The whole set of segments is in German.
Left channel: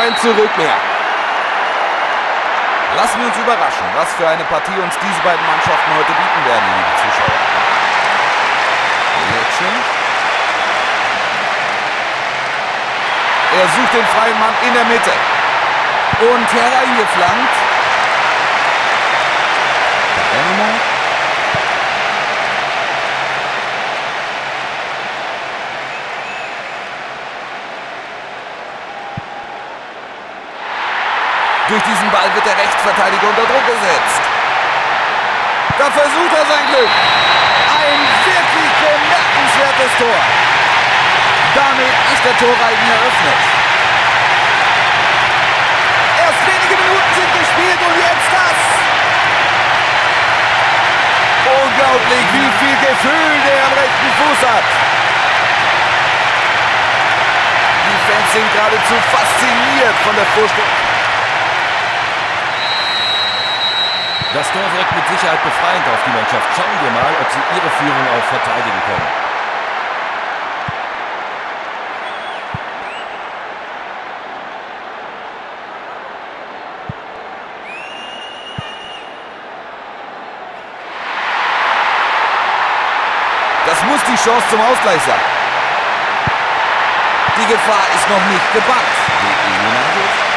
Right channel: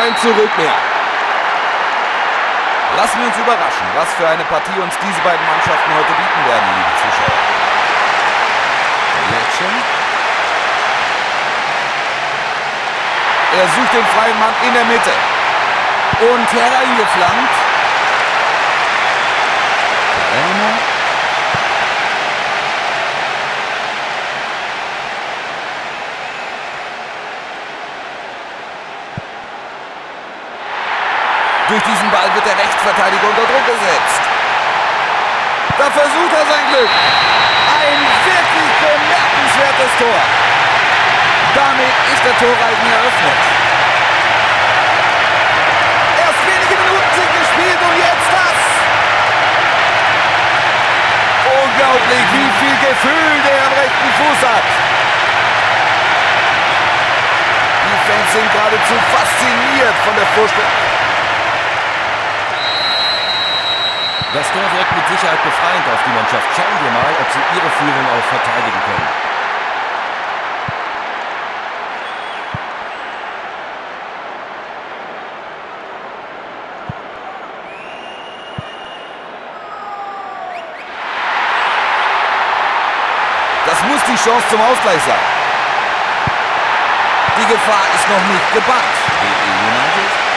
kein Zurück mehr. Lassen wir uns überraschen, was für eine Partie uns diese beiden Mannschaften heute bieten werden, liebe Zuschauer. Lecce. Er sucht den freien Mann in der Mitte. Und hereingeflankt. Palermo. Durch diesen Ball wird der Rechtsverteidiger unter Druck gesetzt. Da versucht er sein Glück. Ein wirklich bemerkenswertes Tor. Damit ist der Torreigen eröffnet. Erst wenige Minuten sind gespielt und jetzt das. Unglaublich, wie viel Gefühl der am rechten Fuß hat. Die Fans sind geradezu fasziniert von der Vorstellung. Das Tor wirkt mit Sicherheit befreiend auf die Mannschaft. Schauen wir mal, ob sie ihre Führung auch verteidigen können. Das muss die Chance zum Ausgleich sein. Die Gefahr ist noch nicht gebannt. DE United.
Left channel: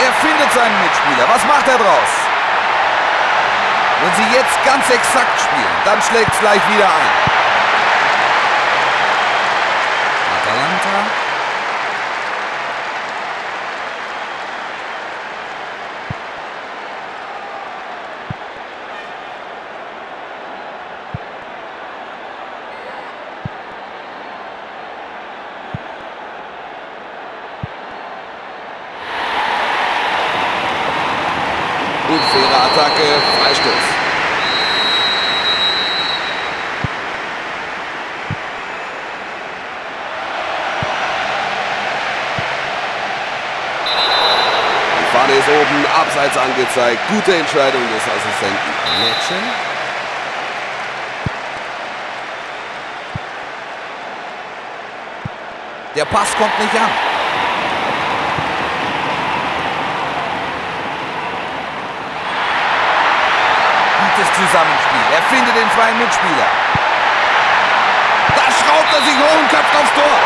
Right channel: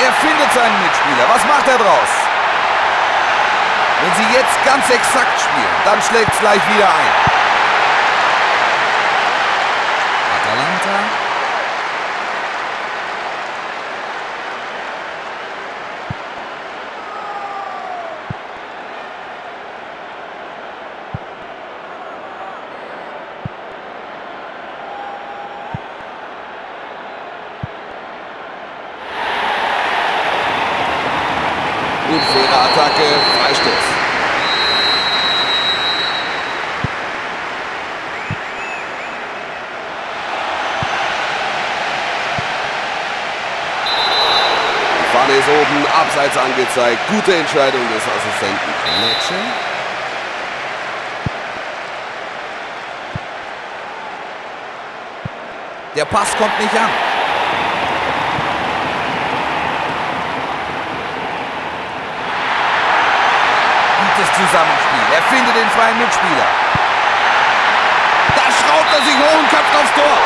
Er findet seinen Mitspieler. Was macht er draus? Wenn sie jetzt ganz exakt spielen, dann schlägt es gleich wieder ein. Atalanta. Unfaire Attacke, Freistoß. Die Fahne ist oben, abseits angezeigt. Gute Entscheidung des Assistenten. Lecce. Der Pass kommt nicht an. Gutes Zusammenspiel. Er findet den freien Mitspieler. Da schraubt er sich hoch und köpft aufs Tor.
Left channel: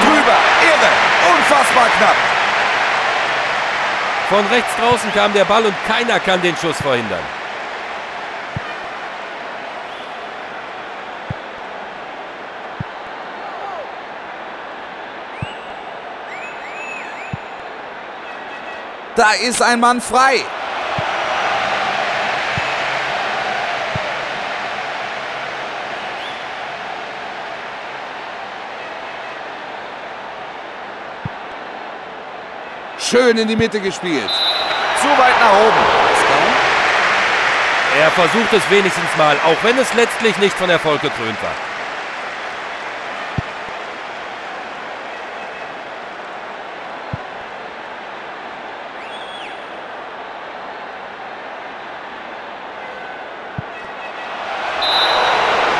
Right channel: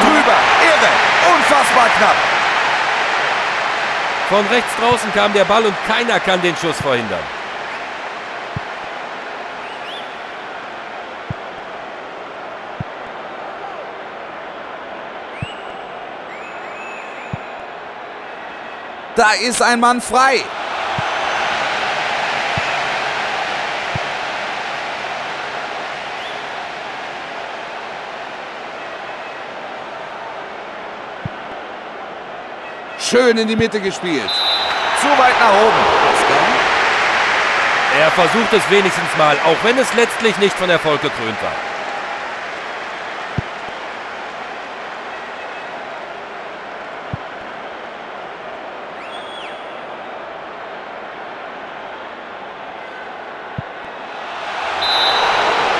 Drüber. Irre. Unfassbar knapp. Von rechts draußen kam der Ball und keiner kann den Schuss verhindern. Da ist ein Mann frei. Schön in die Mitte gespielt. Zu weit nach oben. Er versucht es wenigstens mal, auch wenn es letztlich nicht von Erfolg gekrönt war.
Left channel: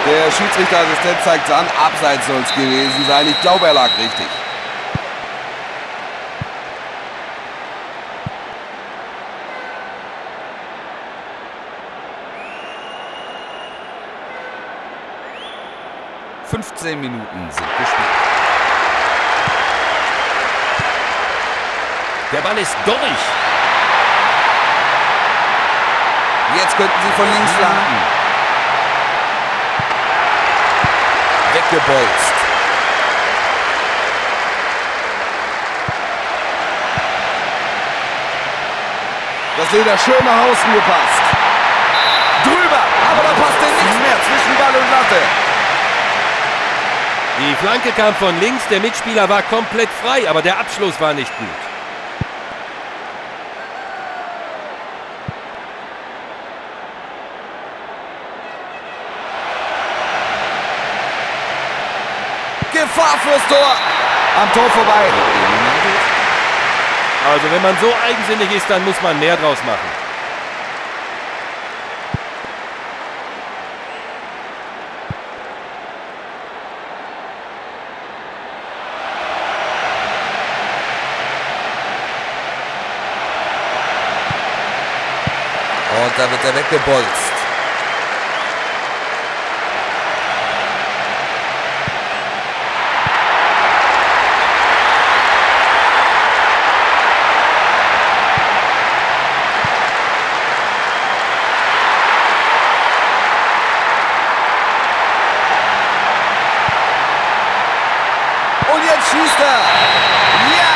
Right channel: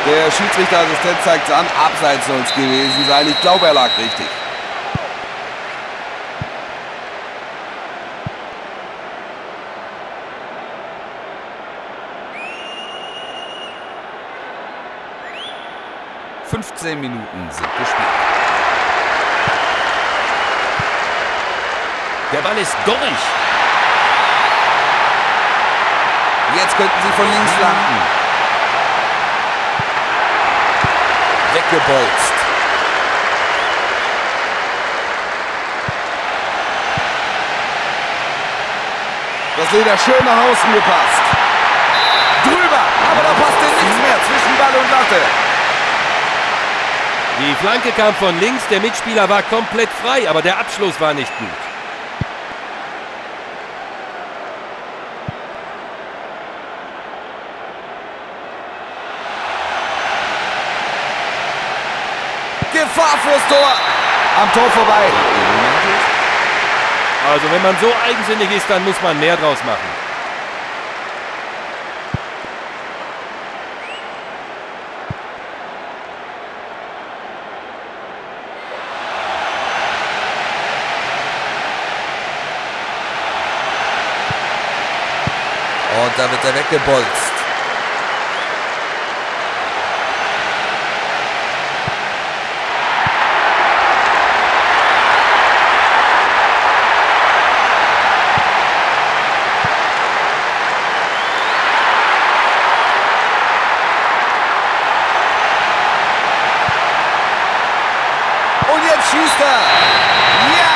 Der Schiedsrichterassistent zeigt es an. Abseits soll es gewesen sein. Ich glaube, er lag richtig. ...15 Minuten sind gespielt. Der Ball ist durch. Jetzt könnten sie von links landen. Weggebolzt. Das Leder schön nach außen gepasst. Drüber, aber da passte nichts mehr zwischen Ball und Latte. Die Flanke kam von links, der Mitspieler war komplett frei, aber der Abschluss war nicht gut. Gefahr fürs Tor. Am Tor vorbei. Also wenn man so eigensinnig ist, dann muss man mehr draus machen. Und da wird er weggebolzt. Und jetzt schießt er. Ja,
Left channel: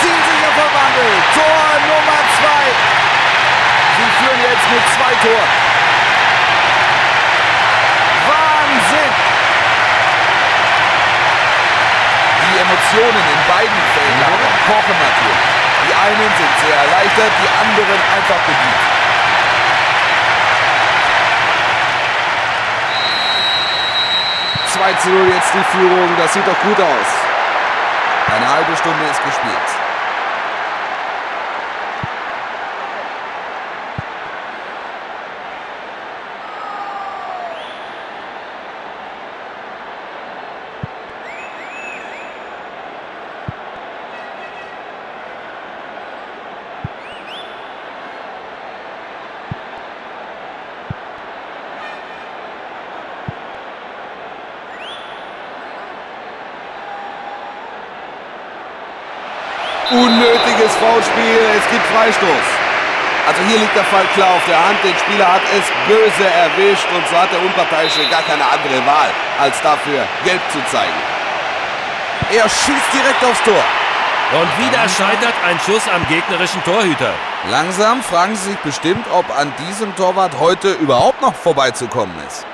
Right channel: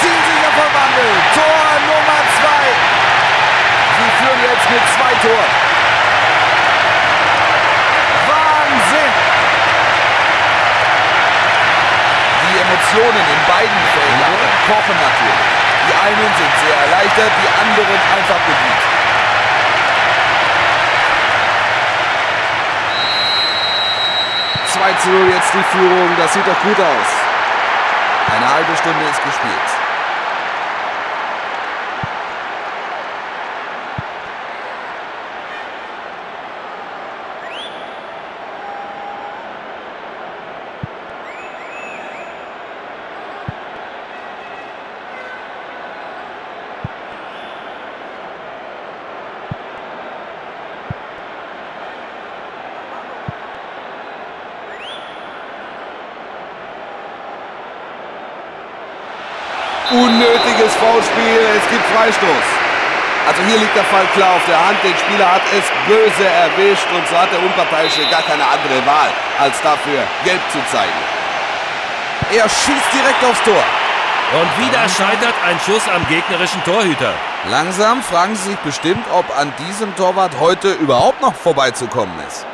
zielsicher verwandelt. Tor Nummer 2. Sie führen jetzt mit 2 Toren. Wahnsinn! Die Emotionen in beiden Feldlagern kochen natürlich. Die einen sind sehr erleichtert, die anderen einfach bedient. (2:0) jetzt die Führung, das sieht doch gut aus. Eine halbe Stunde ist gespielt. Unnötiges Foulspiel, es gibt Freistoß. Also hier liegt der Fall klar auf der Hand. Der Spieler hat es böse erwischt und so hat der Unparteiische gar keine andere Wahl, als dafür gelb zu zeigen. Er schießt direkt aufs Tor. Und wieder scheitert ein Schuss am gegnerischen Torhüter. Langsam fragen Sie sich bestimmt, ob an diesem Torwart heute überhaupt noch vorbeizukommen ist.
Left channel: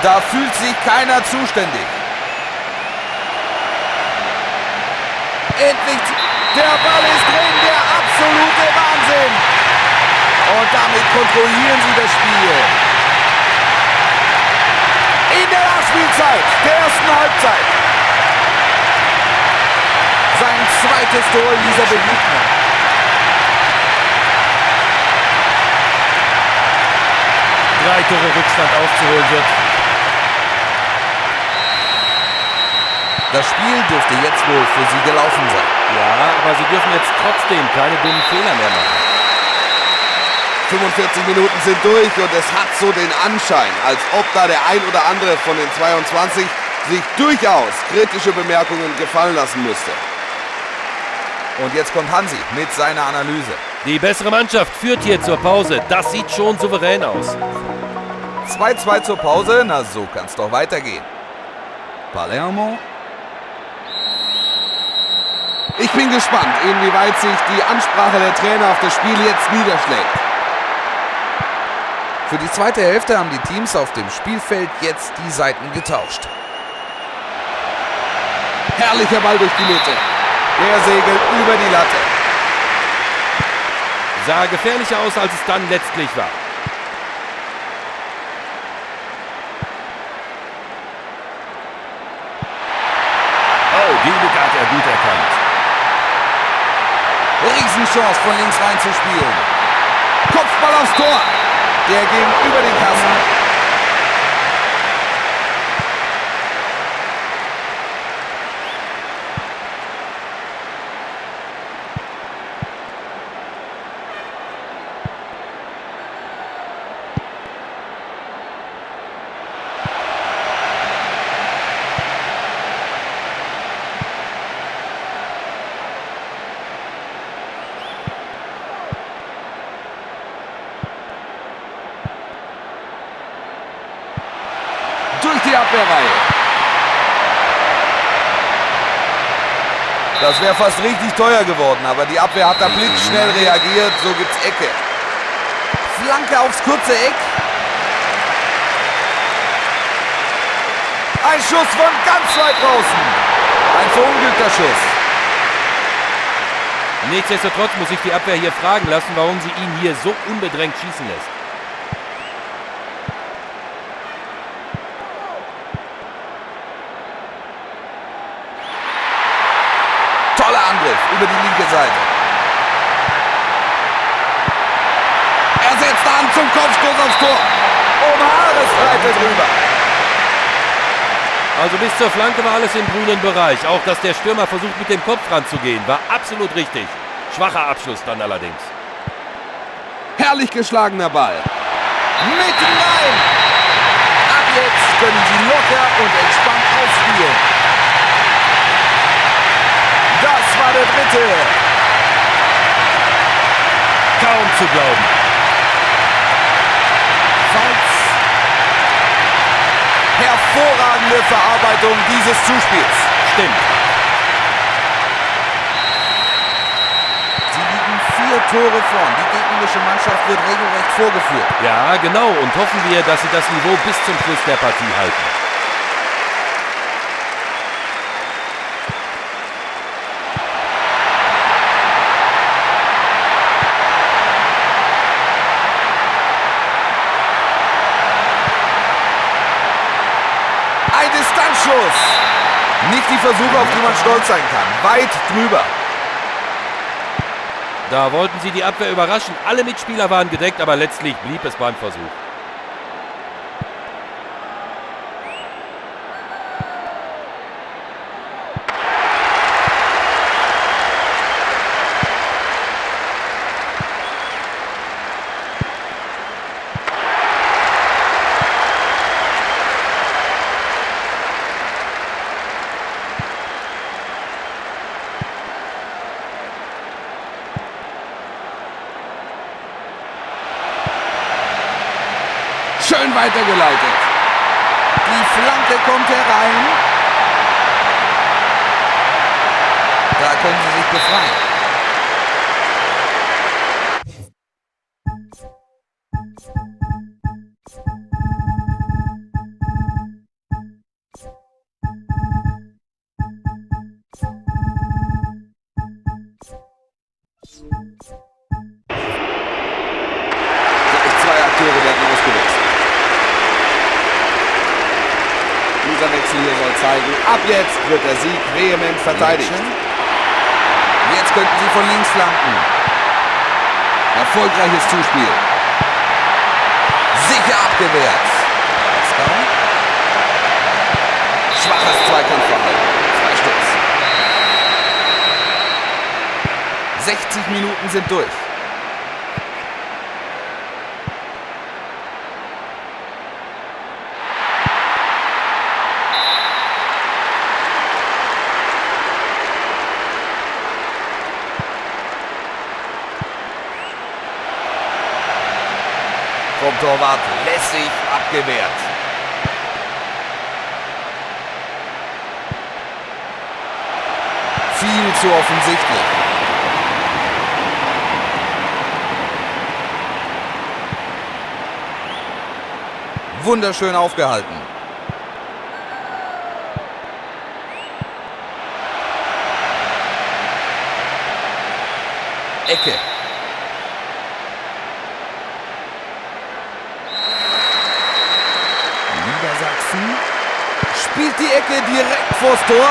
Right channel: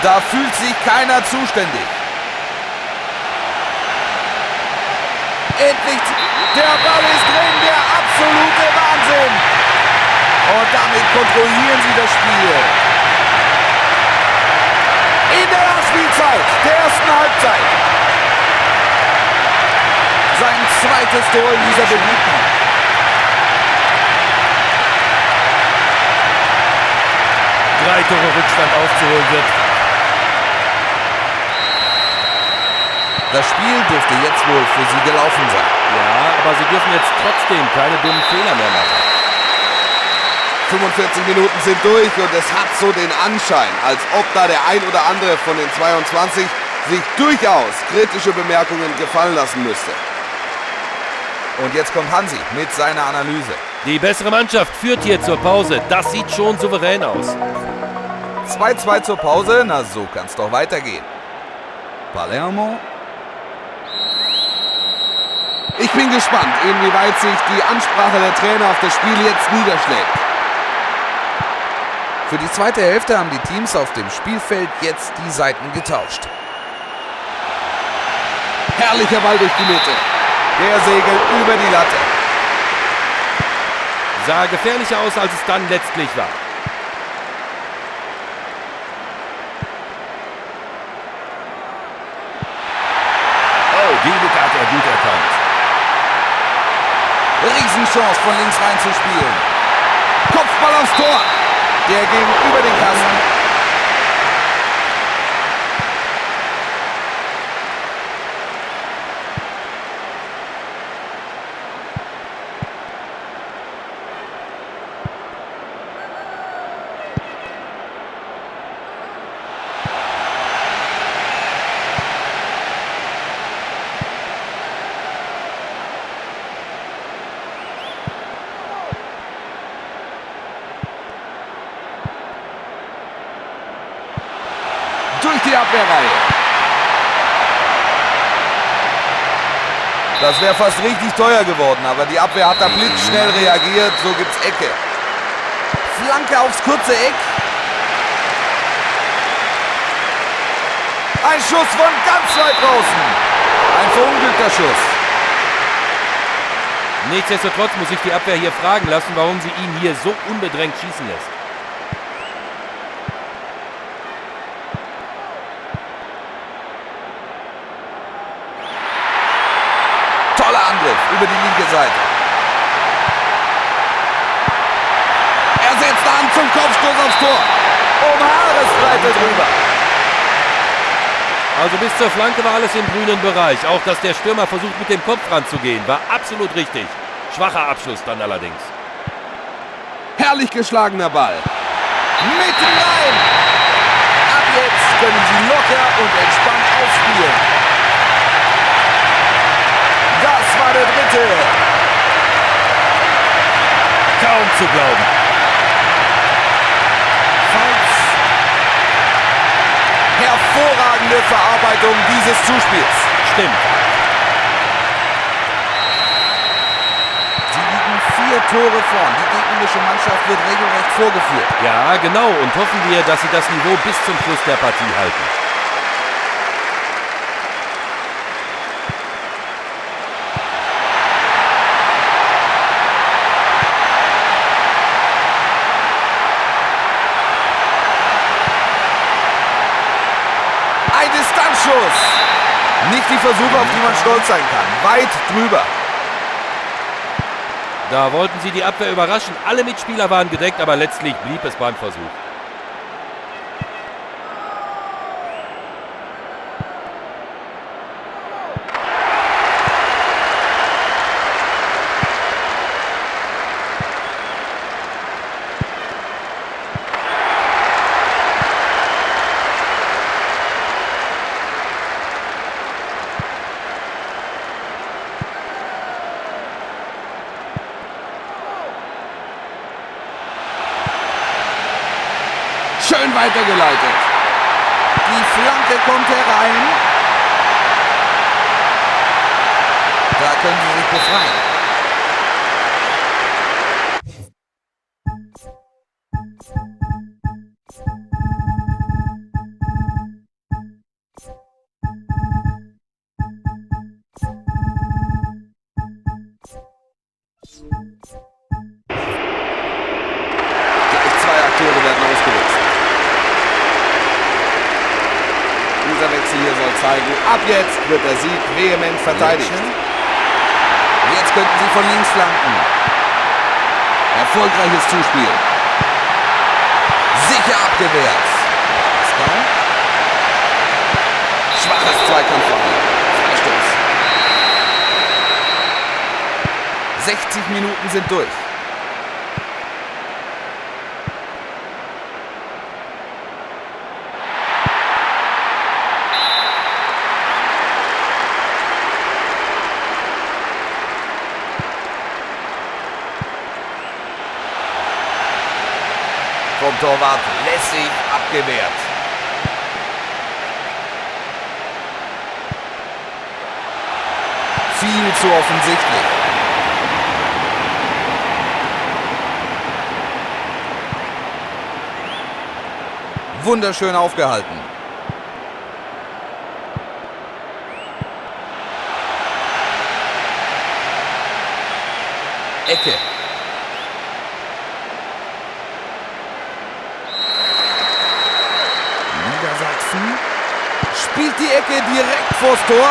Da fühlt sich keiner zuständig. Endlich, der Ball ist drin, der absolute Wahnsinn. Und damit kontrollieren sie das Spiel. In der Nachspielzeit der ersten Halbzeit. Sein zweites Tor in dieser Begegnung. Drei Tore Rückstand aufzuholen wird. Das Spiel dürfte jetzt wohl für sie gelaufen sein. Ja, aber sie dürfen jetzt trotzdem keine dummen Fehler mehr machen. 45 Minuten sind durch und es hat so den Anschein, als ob da der ein oder andere von den 22 sich durchaus kritische Bemerkungen gefallen lassen müsste. Und jetzt kommt Hansi mit seiner Analyse. Die bessere Mannschaft führt hier zur Pause. Das sieht schon souverän aus. 2:2 zur Pause, na so kann's doch weitergehen. Palermo. Ich bin gespannt, inwieweit sich die Ansprache der Trainer auf das Spiel jetzt niederschlägt. Für die zweite Hälfte haben die Teams auf dem Spielfeld jetzt die Seiten getauscht. Herrlicher Ball durch die Mitte. Der segelt über die Latte. Sah gefährlicher aus, als es dann letztlich war. Oh, die Lücke hat er gut erkannt. Riesenchance von links rein zu spielen. Kopfball aufs Tor. Der ging über den Kasten. Durch die Abwehrreihe. Das wäre fast richtig teuer geworden, aber die Abwehr hat da blitzschnell reagiert. So gibt's Ecke. Flanke aufs kurze Eck. Ein Schuss von ganz weit draußen. Ein verunglückter Schuss. Nichtsdestotrotz muss sich die Abwehr hier fragen lassen, warum sie ihn hier so unbedrängt schießen lässt. Toller Angriff über die linke Seite. Er setzt an zum Kopfstoß aufs Tor. Um Haaresbreite drüber. Also bis zur Flanke war alles im grünen Bereich. Auch dass der Stürmer versucht, mit dem Kopf ranzugehen, war absolut richtig. Schwacher Abschluss dann allerdings. Herrlich geschlagener Ball. Mitten rein. Ab jetzt können sie locker und entspannt aufspielen. Das war der dritte. Kaum zu glauben. Falls. Hervorragende Verarbeitung dieses Zuspiels. Stimmt. Sie liegen 4 Tore vorn. Die gegnerische Mannschaft wird regelrecht vorgeführt. Ja, genau. Und hoffen wir, dass sie das Niveau bis zum Schluss der Partie halten. Ein Distanzschuss. Nicht die Versuche, auf die man stolz sein kann. Weit drüber. Da wollten sie die Abwehr überraschen. Alle Mitspieler waren gedeckt, aber letztlich blieb es beim Versuch. Schön weitergeleitet. Die Flanke kommt herein. Da können sie sich befreien. Gleich 2 Akteure werden ausgewechselt. Dieser Wechsel hier soll zeigen, ab jetzt wird der Sieg vehement verteidigt. Jetzt könnten sie von links flanken. Erfolgreiches Zuspiel. Sicher abgewehrt. Schwaches Zweikampfverhalten. Freistoß. 60 Minuten sind durch. Vom Torwart lässig abgewehrt. Viel zu offensichtlich. Wunderschön aufgehalten. Ecke. Niedersachsen spielt die Ecke direkt vors Tor.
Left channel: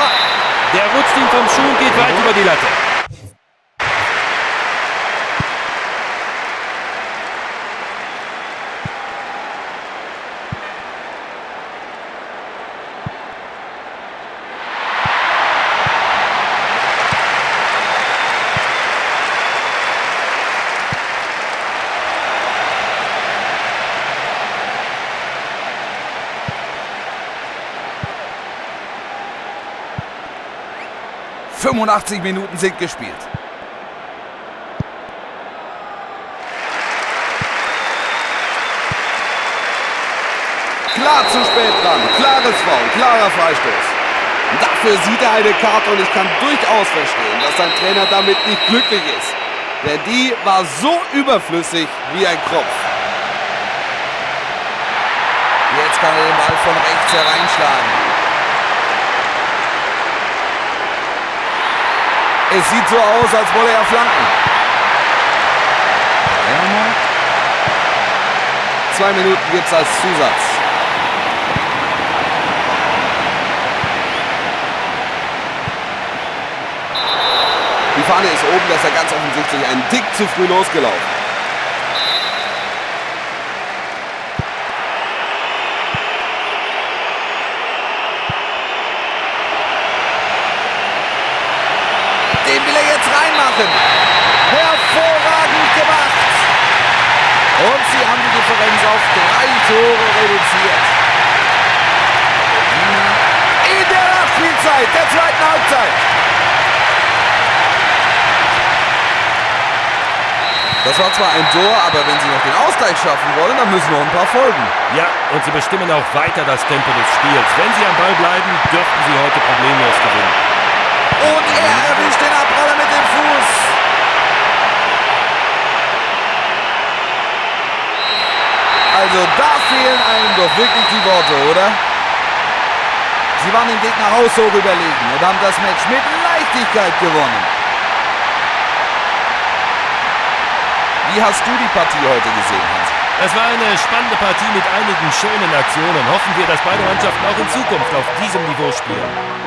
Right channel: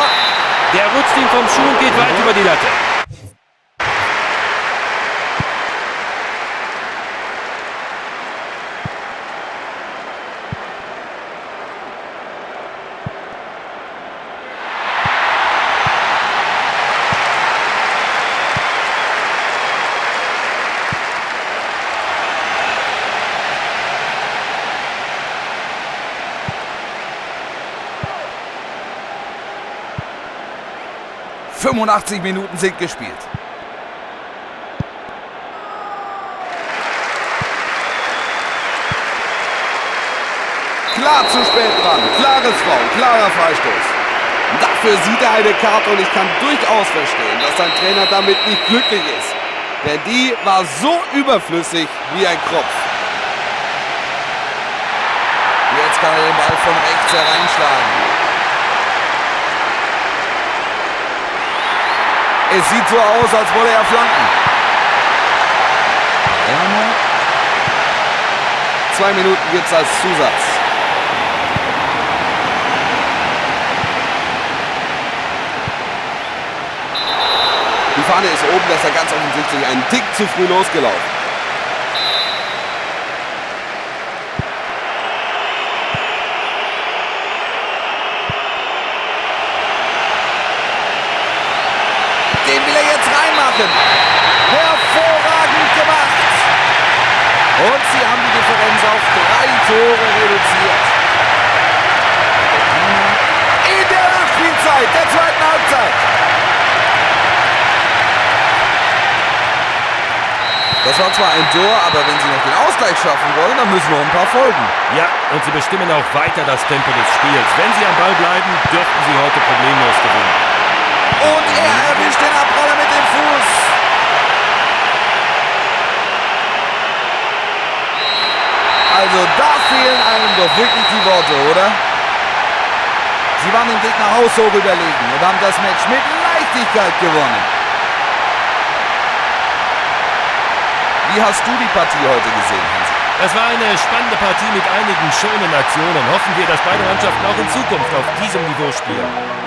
Der rutscht ihm vom Schuh und geht weit über die Latte. – 85 Minuten sind gespielt. Klar zu spät dran. Klares Foul, klarer Freistoß. Dafür sieht er eine Karte und ich kann durchaus verstehen, dass sein Trainer damit nicht glücklich ist. Denn die war so überflüssig wie ein Kropf. Jetzt kann er den Ball von rechts hereinschlagen. Es sieht so aus, als wolle er flanken. 2 Minuten gibt es als Zusatz. Die Fahne ist oben, das ist ja ganz offensichtlich ein Tick zu früh losgelaufen. Den will er jetzt reinmachen. Hervorragend gemacht. Und sie haben die Differenz auf 3 Tore reduziert. In der Nachspielzeit der zweiten Halbzeit. Das war zwar ein Tor, aber wenn sie noch den Ausgleich schaffen wollen, dann müssen noch ein paar folgen. Ja, und sie bestimmen auch weiter das Tempo des Spiels. Wenn sie am Ball bleiben, dürften sie heute problemlos gewinnen. Und er erwischt den Abpraller mit dem Fuß. Also da fehlen einem doch wirklich die Worte, oder? Sie waren dem Gegner haushoch überlegen und haben das Match mit Leichtigkeit gewonnen. Wie hast du die Partie heute gesehen, Hansi? Das war eine spannende Partie mit einigen schönen Aktionen. Hoffen wir, dass beide Mannschaften auch in Zukunft auf diesem Niveau spielen.